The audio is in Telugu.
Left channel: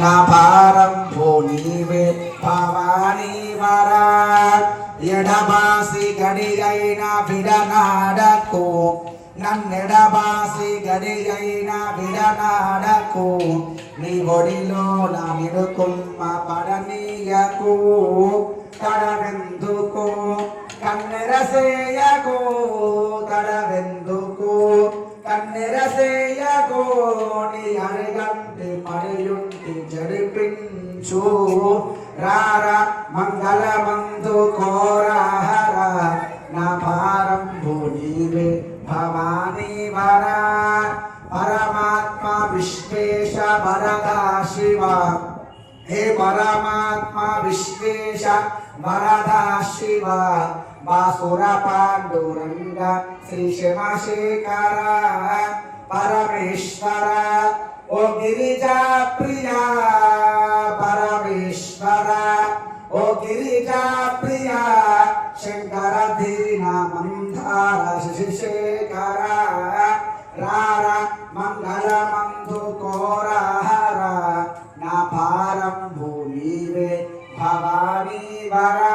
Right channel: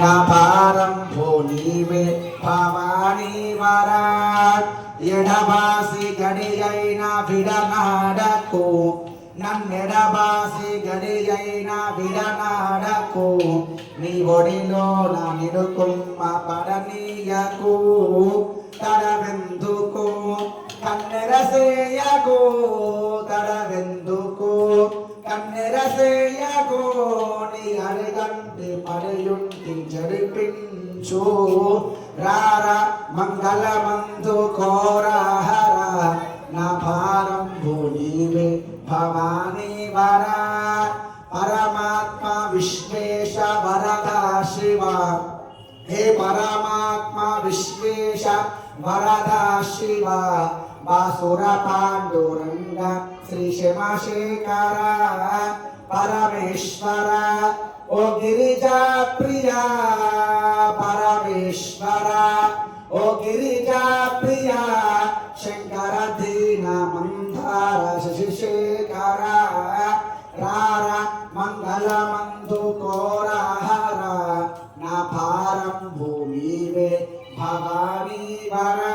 నా పారంభో నీవే భవానీ వరా ఎడబాసి గడియైన విడనాడకు నన్నెడబాసి గడియైన విడనాడకు నీ ఒడిలో నా నిడుకుమ్మ పడనీయకు తడవెందుకు కన్నెరసేయకు తడవెందుకు కన్నెరసేయకు నీ అరగంటి పడియుంటి జరిపించు రార మంగళమందు కోరహర నా భారంభు నీవే భవానీ వరా పరమాత్మ విశ్వేశ వరదా శివ हे परमात्मा विश्वेश वरदा शिव बासुर पांडुरंग श्री शिवशेखर परमेश्वर ओ गिरिजा प्रिया परमेश्वर ओ गिरिजा प्रिया शंकर दीन मंदार शिशेखर रारा मंगल मंदु कोरहर ना भारंभु नीवे भवानी वरा